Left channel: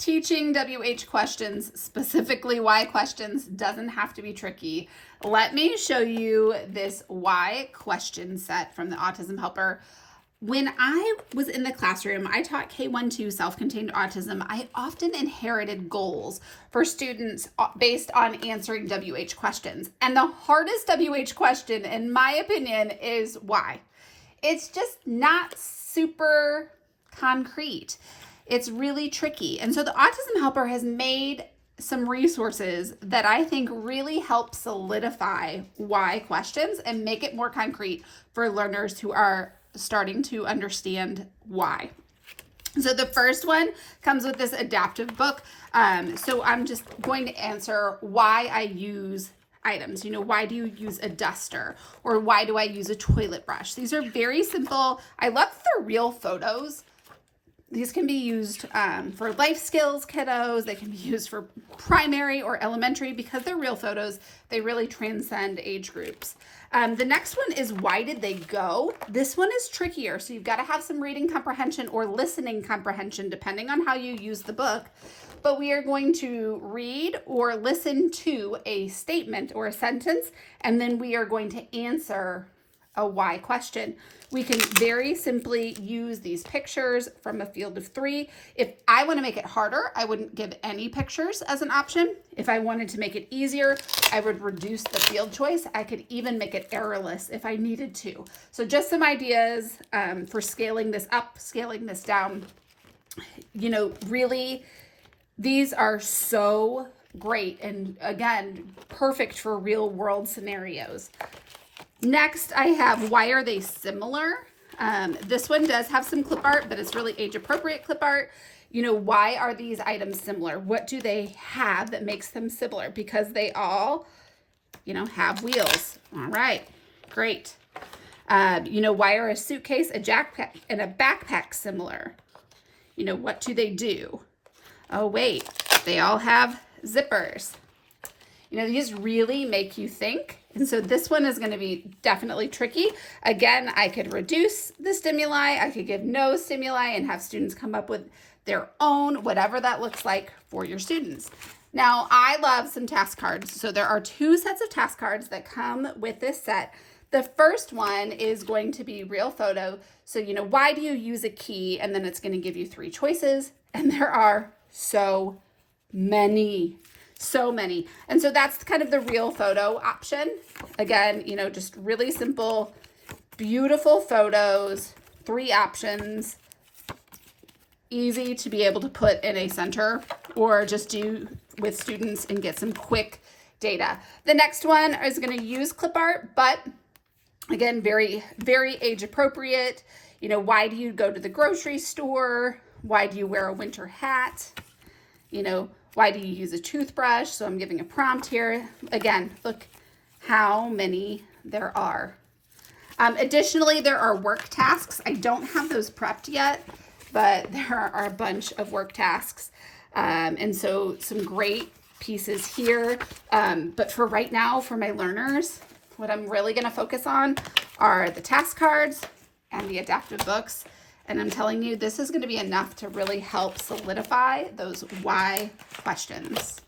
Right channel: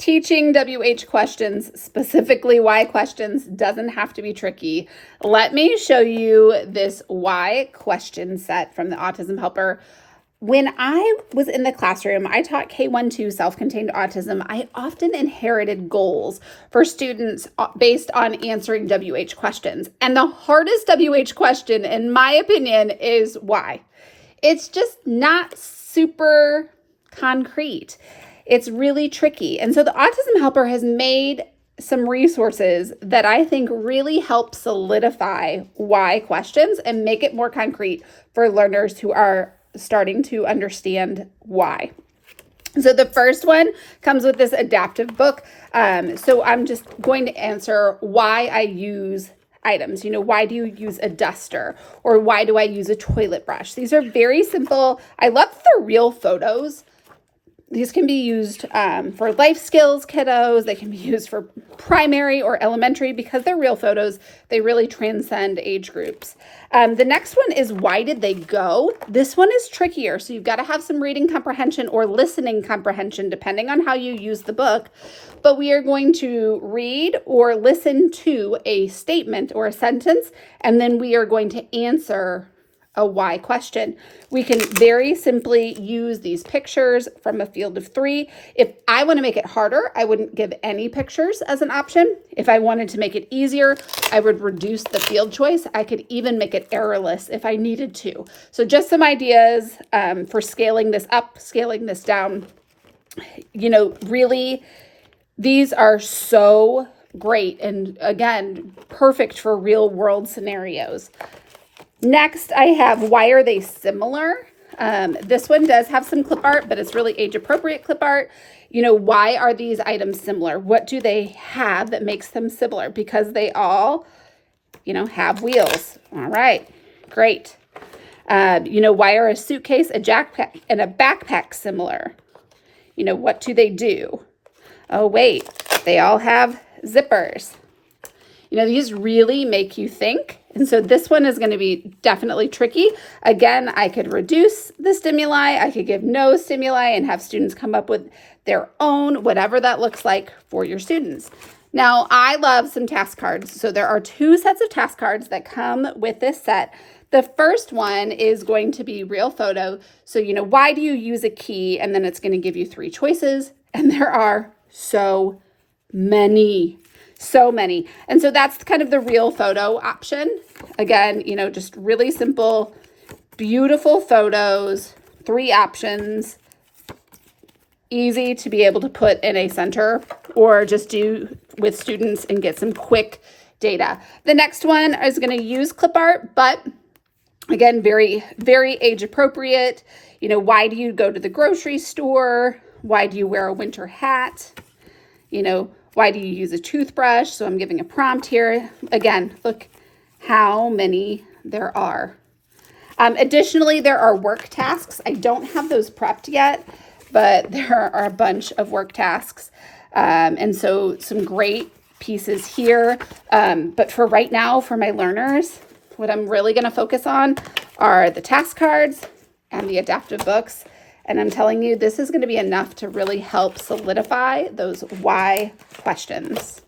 Teaching WH questions, specifically why questions, doesn't have to be tricky. Let me show you this why question set from the Autism Helper. When I was in the classroom, I taught K-1-2 self-contained autism. I often inherited goals for students based on answering WH questions. And the hardest WH question, in my opinion, is why. It's just not super concrete. It's really tricky. And so the Autism Helper has made some resources that I think really help solidify why questions and make it more concrete for learners who are starting to understand why. So the first one comes with this adaptive book. So I'm just going to answer why I use items. Why do you use a duster? Or why do I use a toilet brush? These are very simple. I love the real photos. These can be used for life skills kiddos. They can be used for primary or elementary because they're real photos. They really transcend age groups. The next one is why did they go? This one is trickier. So you've got to have some reading comprehension or listening comprehension depending on how you use the book. But we are going to read or listen to a statement or a sentence, and then we are going to answer a why question. We can very simply use these pictures from a field of 3. If I want to make it harder, I wouldn't give any pictures as an option. If I wanted to make it easier, I would reduce the field choice. I could even make it errorless if I needed to. So just some ideas for scaling this up, scaling this down. Really, these are so great and, again, perfect for real world scenarios. Next, I have why are they similar? This one does have some clip art, but it's really age appropriate clip art. Why are these items similar? What do they have that makes them similar? Because they all, have wheels. All right, great. Why are a suitcase, a jackpack, and a backpack similar? What do they do? Oh, wait, they all have zippers. These really make you think. And so this one is going to be definitely tricky. Again, I could reduce the stimuli. I could give no stimuli and have students come up with their own, whatever that looks like for your students. Now, I love some task cards. So there are 2 sets of task cards that come with this set. The first one is going to be real photo. So, why do you use a key? And then it's going to give you 3 choices. And there are so many. So many. And so that's kind of the real photo option. Again, just really simple, beautiful photos, 3 options, easy to be able to put in a center or just do with students and get some quick data. The next one is going to use clip art, but again, very, very age appropriate. Why do you go to the grocery store? Why do you wear a winter hat? Why do you use a toothbrush? So I'm giving a prompt here. Again, look how many there are. Additionally, there are work tasks. I don't have those prepped yet, but there are a bunch of work tasks. And so some great pieces here. But for right now, for my learners, what I'm really going to focus on are the task cards and the adaptive books. And I'm telling you, this is going to be enough to really help solidify those why questions.